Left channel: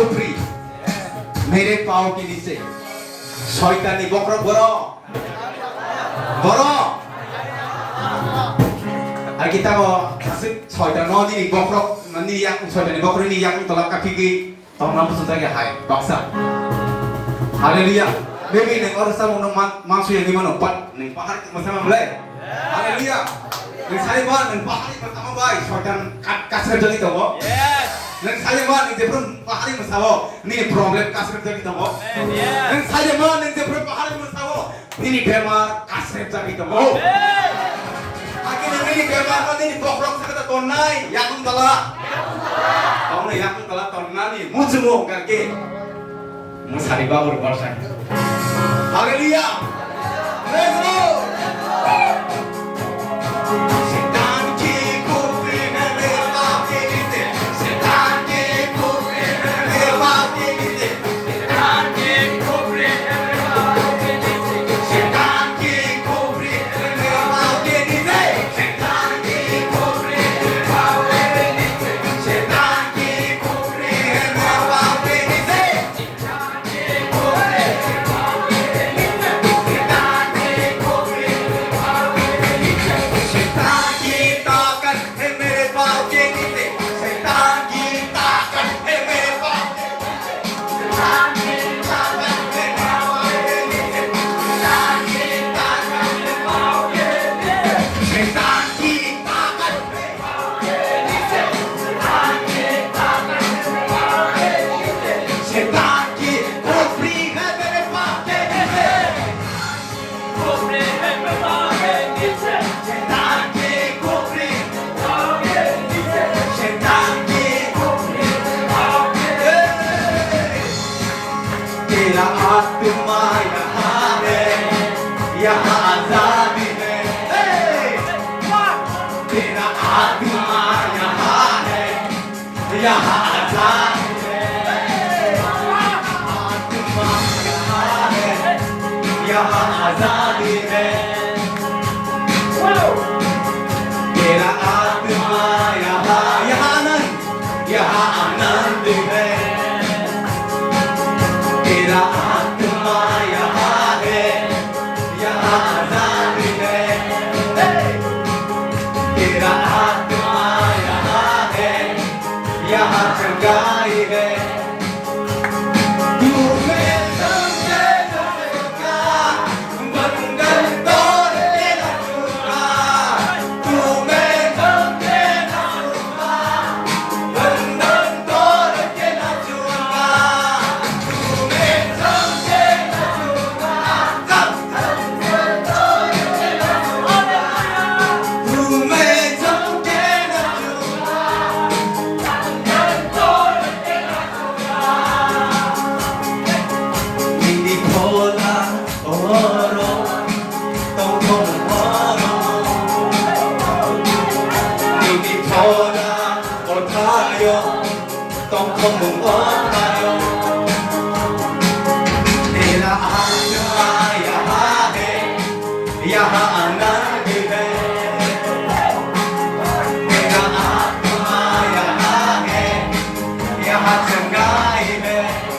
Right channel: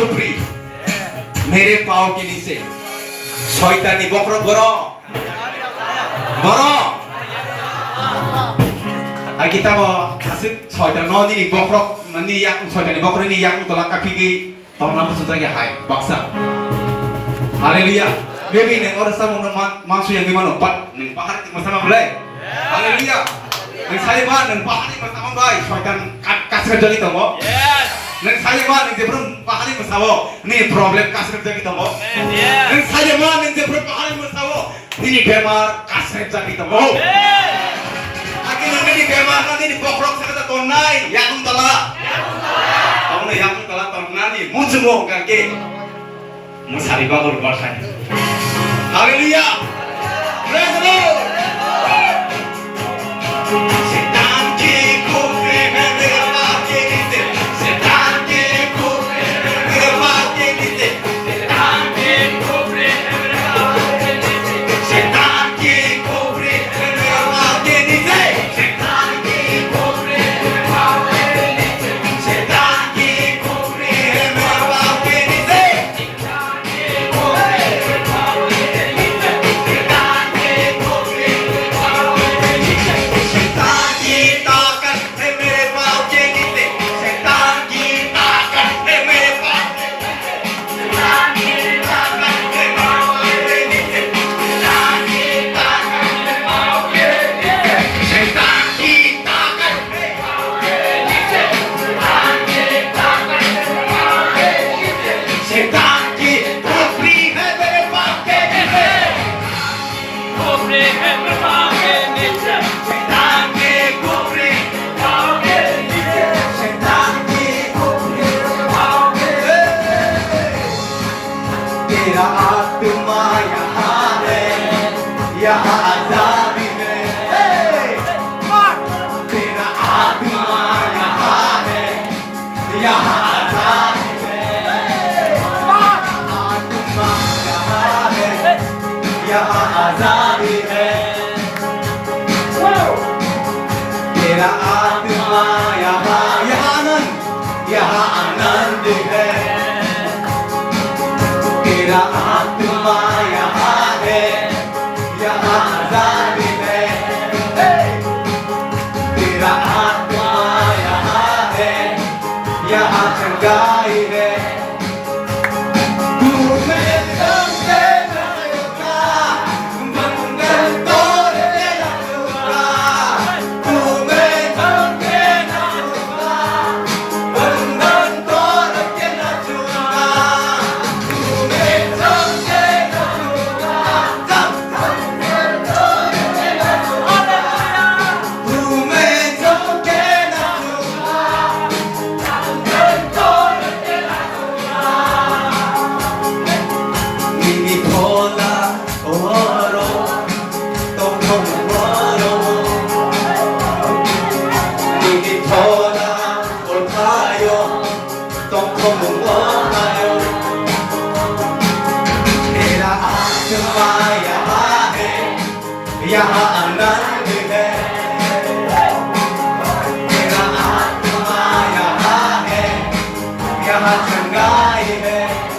कुफरी मेरे पाँव के नीचे शैतानी बकरक गरो kita mau kasih soalnya noni nih bokrok mani yang soalnya nih bokrok ini yang tolak kaki ki tahun lalu sudah ya hai baksa haleluya baby neng orang sama neng mangsu yang gimana pat neng pahar kita sama boleh haleluya neng saya mah neng pahar kita sama baik soalnya kasih kerja kita mau neng saya mah neng sebelum pahar kita sama nih problem kasih kerja kita mau neng saya mah neng sebelum pahar kita sama ini bemar kasih kerja kita mau ini bemar ini bokrok kita tonai yakung tala tahun yakung tala tahun nani muncul kaki musari bagur bersanya haleluya praise the Lord setan ki kufri mere paake dite setan ki kufri mere paake dite setan ki kufri mere paake dite setan ki kufri mere paake dite तेरा आत्मा यहाँ है यहाँ आजादी है तेरा आत्मा यहाँ है यहाँ आजादी है आत्मा यहाँ है यहाँ आजादी है तेरा आत्मा यहाँ यहाँ आनंद है तेरा आत्मा यहाँ है यहाँ आजादी है तेरा आत्मा यहाँ है यहाँ चंगाई है तेरा आत्मा यहाँ है यहाँ आनंद है तेरा आत्मा यहाँ है यहाँ चंगाई है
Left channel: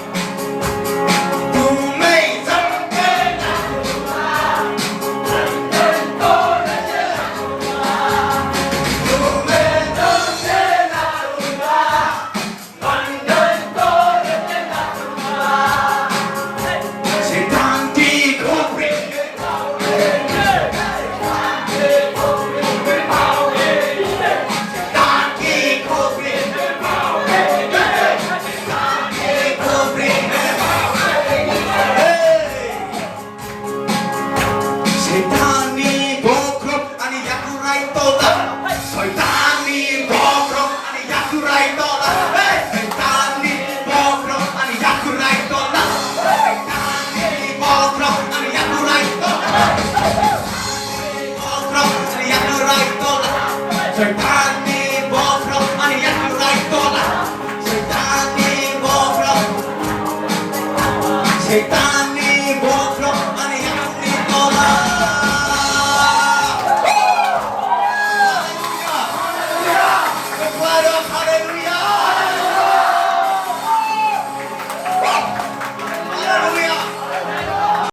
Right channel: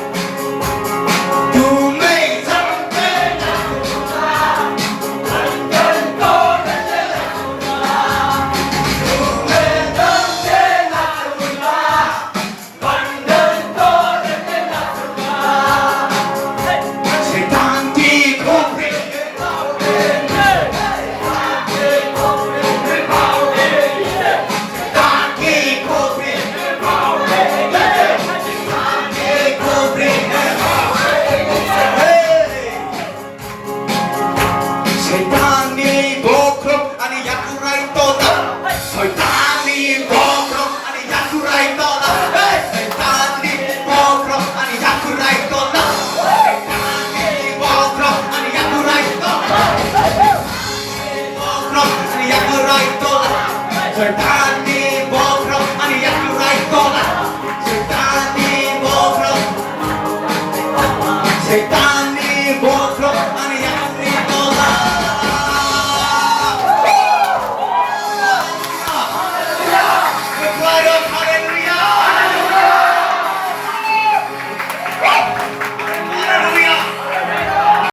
Setani bokrok ani yang right tola setani bokrok setani